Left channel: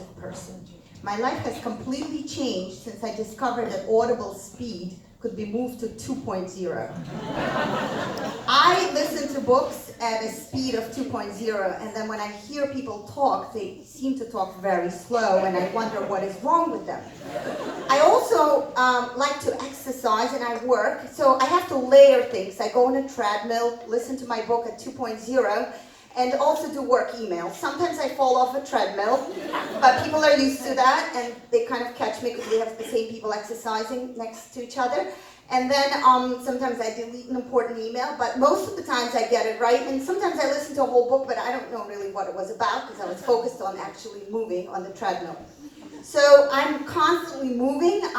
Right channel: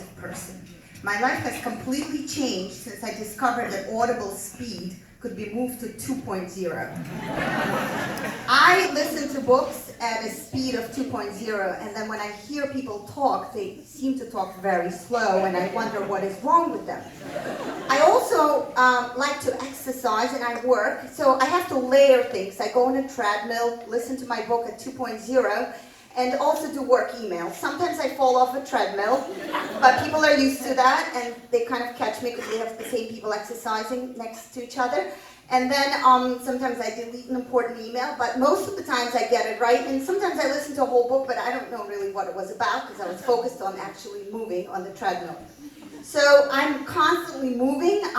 hyperactive person. My life has completely changed since I discovered that audible speed could be moved to 2.0. I listen to books at a speed of 2.0, and then when I hear people talk, they seem to talk very slow, and I wonder what is wrong with them. I also like to exercise, and I work, so I have to layer things. I go on a treadmill, listen to my book at 2.0, and also do work emails. Sometimes I fall off a treadmill, but people are used to that, and they kind of catch me because they have the same people exercising next to each other. And then sometimes I delete an important email, but most of the times I get it right. And sometimes I listen to a whole book, but I don't know really what it was about because I was focused on actually moving on the treadmill. So I'm constantly moving.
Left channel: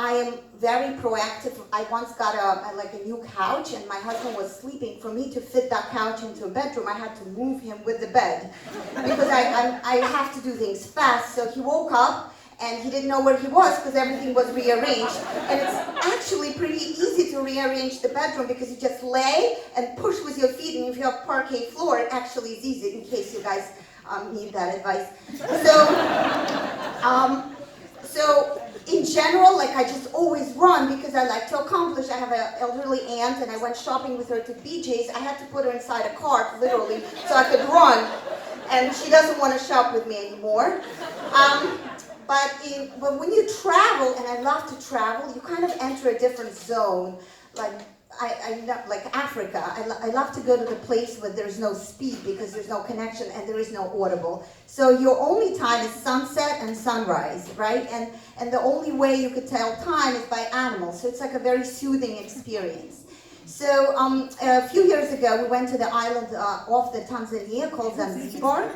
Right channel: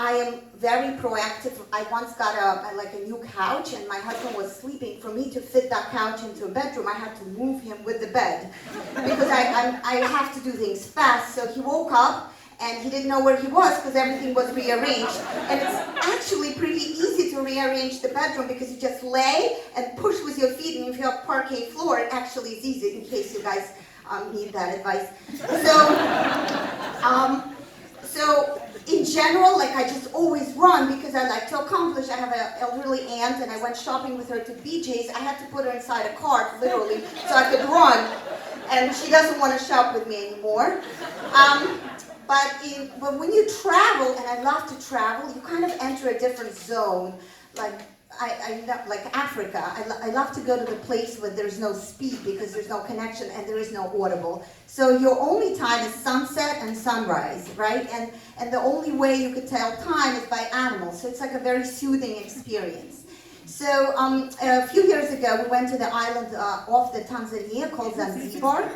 I am very proactive. I once got a new couch, and my husband was sleeping. For me to fit that couch into a bedroom, I had to move him with the bed because I have to do things fast. So he woke up, and he didn't know where he was because everything was rearranged. And it's actually pretty easy to rearrange the bedroom because you just lay and push with your feet, and if you have parquet floor, it actually is easy in case you guys need that advice. So in general, I just always run because I like to accomplish. I have an elderly aunt, and I went shopping with her to BJ's. I had to put her inside a cart, literally, so I could run. And she doesn't want to shop with me anymore. But when you travel, and I love to travel, you kind of enter a different zone. I love, like Africa, I love to go to the place where there's no speed because there's no connection and there is no audible. So your only time is sunset and sunrise, right? And the only way you could tell time is by animals. So it's like a very soothing experience. So a few years ago, we went to the island off the Tanzania called Zanzibar.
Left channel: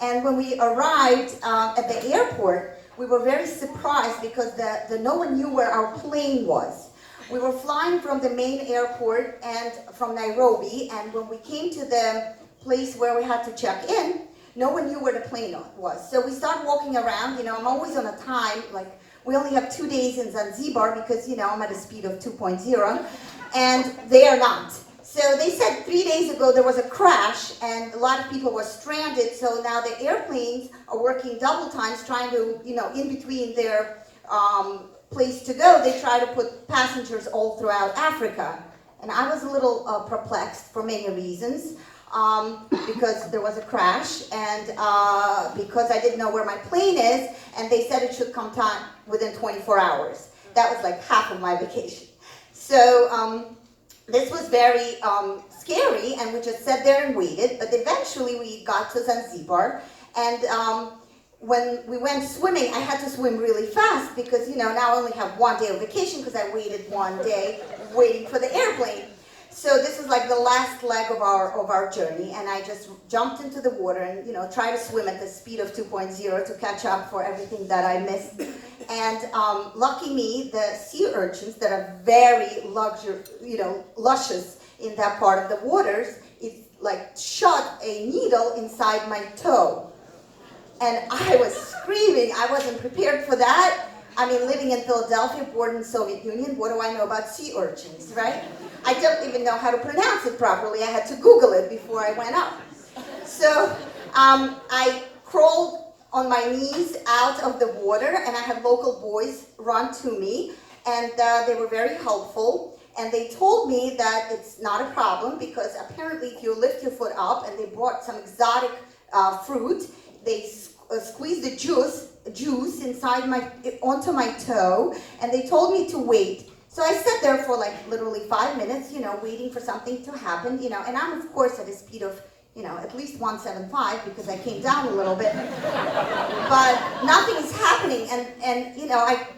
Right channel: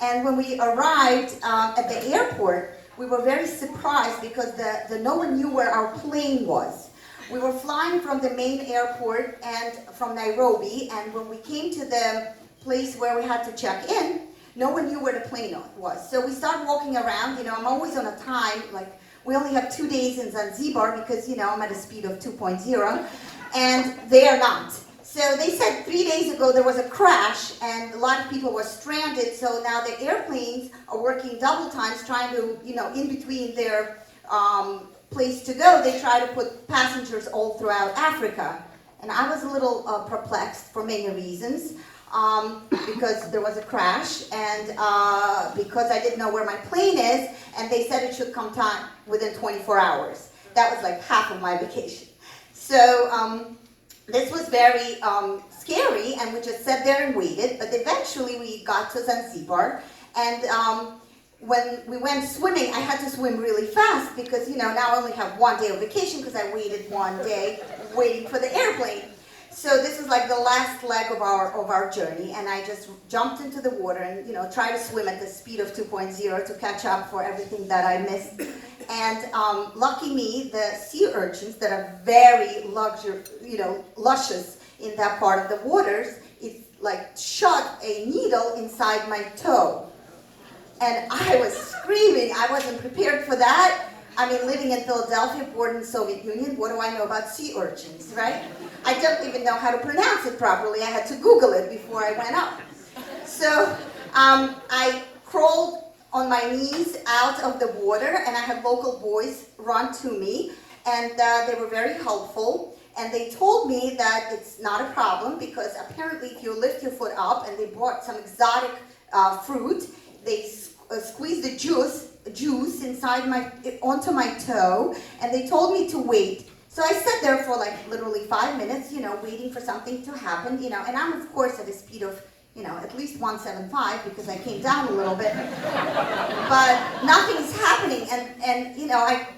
And when we arrived at the airport, we were very surprised because no one knew where our plane was. We were flying from the main airport and from Nairobi, and when we came to the place where we had to check in, no one knew where the plane was. So we started walking around. I'm always on a time, we only have 2 days in Zanzibar because, I'm at a speed of 2.0, and they are not. So they said 3 days ago there was a crash, and a lot of people were stranded, so now the airplanes are working double times trying to, in between their place to go, they try to put passengers all throughout Africa. And I was a little perplexed for many reasons, because there was a crash, and because I didn't know where my plane is, and they said it should come time within 24 hours. That was like half of my vacation. So this was very scary, and we just sat there and waited, but eventually we got to Zanzibar, and when we went swimming, I had to swim really fast because, now I only have 1 day of vacation because I waited 1 day waiting for the airplane. So this was like the last leg of our journey, and I just jumped into the water and, tried to swim at the speed of 2.0 to catch up for everything that I missed. And lucky me, the sea urchins that are very luscious in that part of the waters, it shot a needle inside my toe. And I was screaming. I wasn't prepared for that. I mean, living in Philadelphia, born in the Soviet Union, what do I know about sea urchins, right? I don't even know how to pronounce it properly. I had to Google it before I went up. So I crawled on my knees out of the water, and I had local boys run to me, and they were very helpful. And they told me that it's not a problem because apparently if you lift your foot up, and they brought some exotic fruit, they squeezed the juice inside onto my toe, and they told me to wait. So I sat there for literally 5 minutes, waiting for something to happen, and I'm of course at a speed of, at least 175 because I came down a little bit, but nothing's happening, and I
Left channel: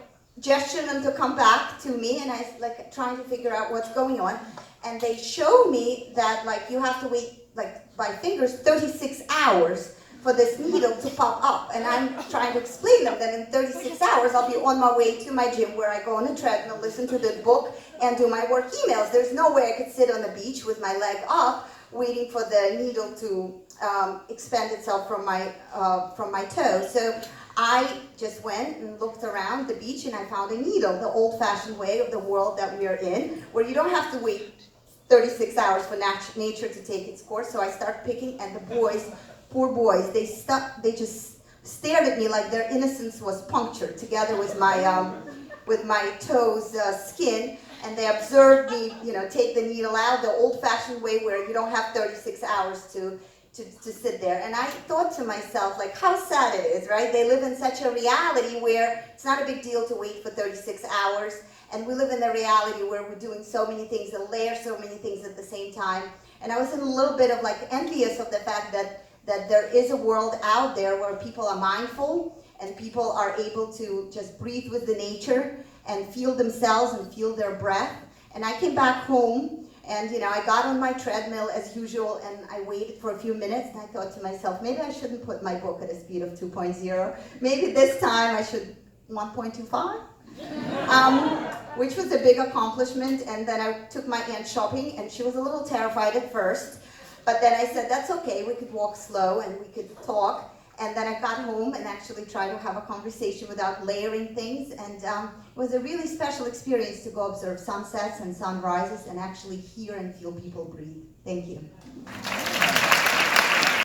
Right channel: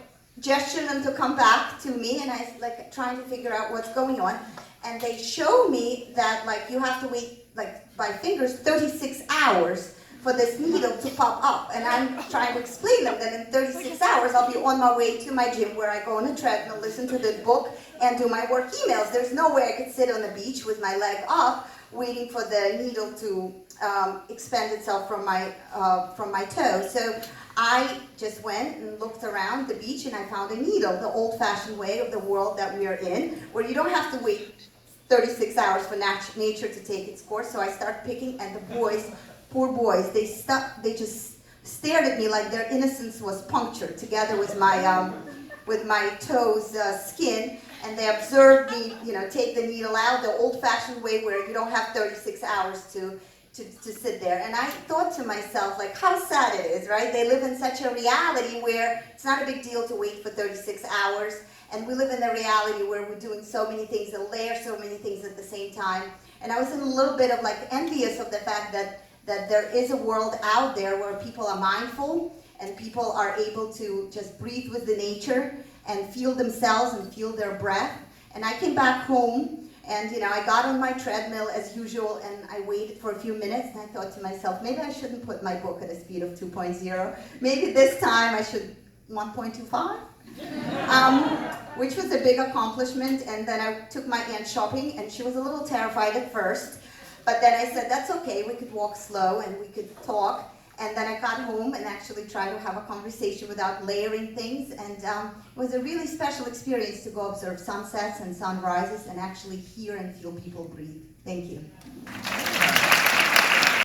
gestured them to come back to me, and I was trying to figure out what's going on, and they showed me that you have to wait by fingers 36 hours for this needle to pop up, and I'm trying to explain them that in 36 hours I'll be on my way to my gym where I go on a treadmill, listen to the book, and do my work emails. There's no way I could sit on the beach with my leg up waiting for the needle to expand itself from my toe. So I just went and looked around the beach, and I found a needle, the old-fashioned way of the world that we are in, where you don't have to wait 36 hours for nature to take its course. So I started picking, and the boys, poor boys, they just stared at me like their innocence was punctured together with my toes skin, and they observed me, take the needle out the old-fashioned way where you don't have 36 hours to sit there. And I thought to myself, like, how sad it is, right? They live in such a reality where it's not a big deal to wait for 36 hours, and we live in a reality where we're doing so many things and layer so many things at the same time. And I was in a little bit of like envious of the fact that there is a world out there where people are mindful and people are able to just breathe with the nature and feel themselves and feel their breath. And I came back home and I got on my treadmill as usual, and I waited for a few minutes, and I thought to myself, maybe I shouldn't put my book at a speed of 2.0. Maybe this time I should 1.25, which was a big accomplishment. And then I took my aunt shopping, and she was a little terrified at first, but then I said, that's okay, we could walk slow and we could talk. And then I got home and actually tried to have a conversation without layering things. And it was a really special experience to go observe sunsets and sunrises and actually hear and feel people breathe. Thank you.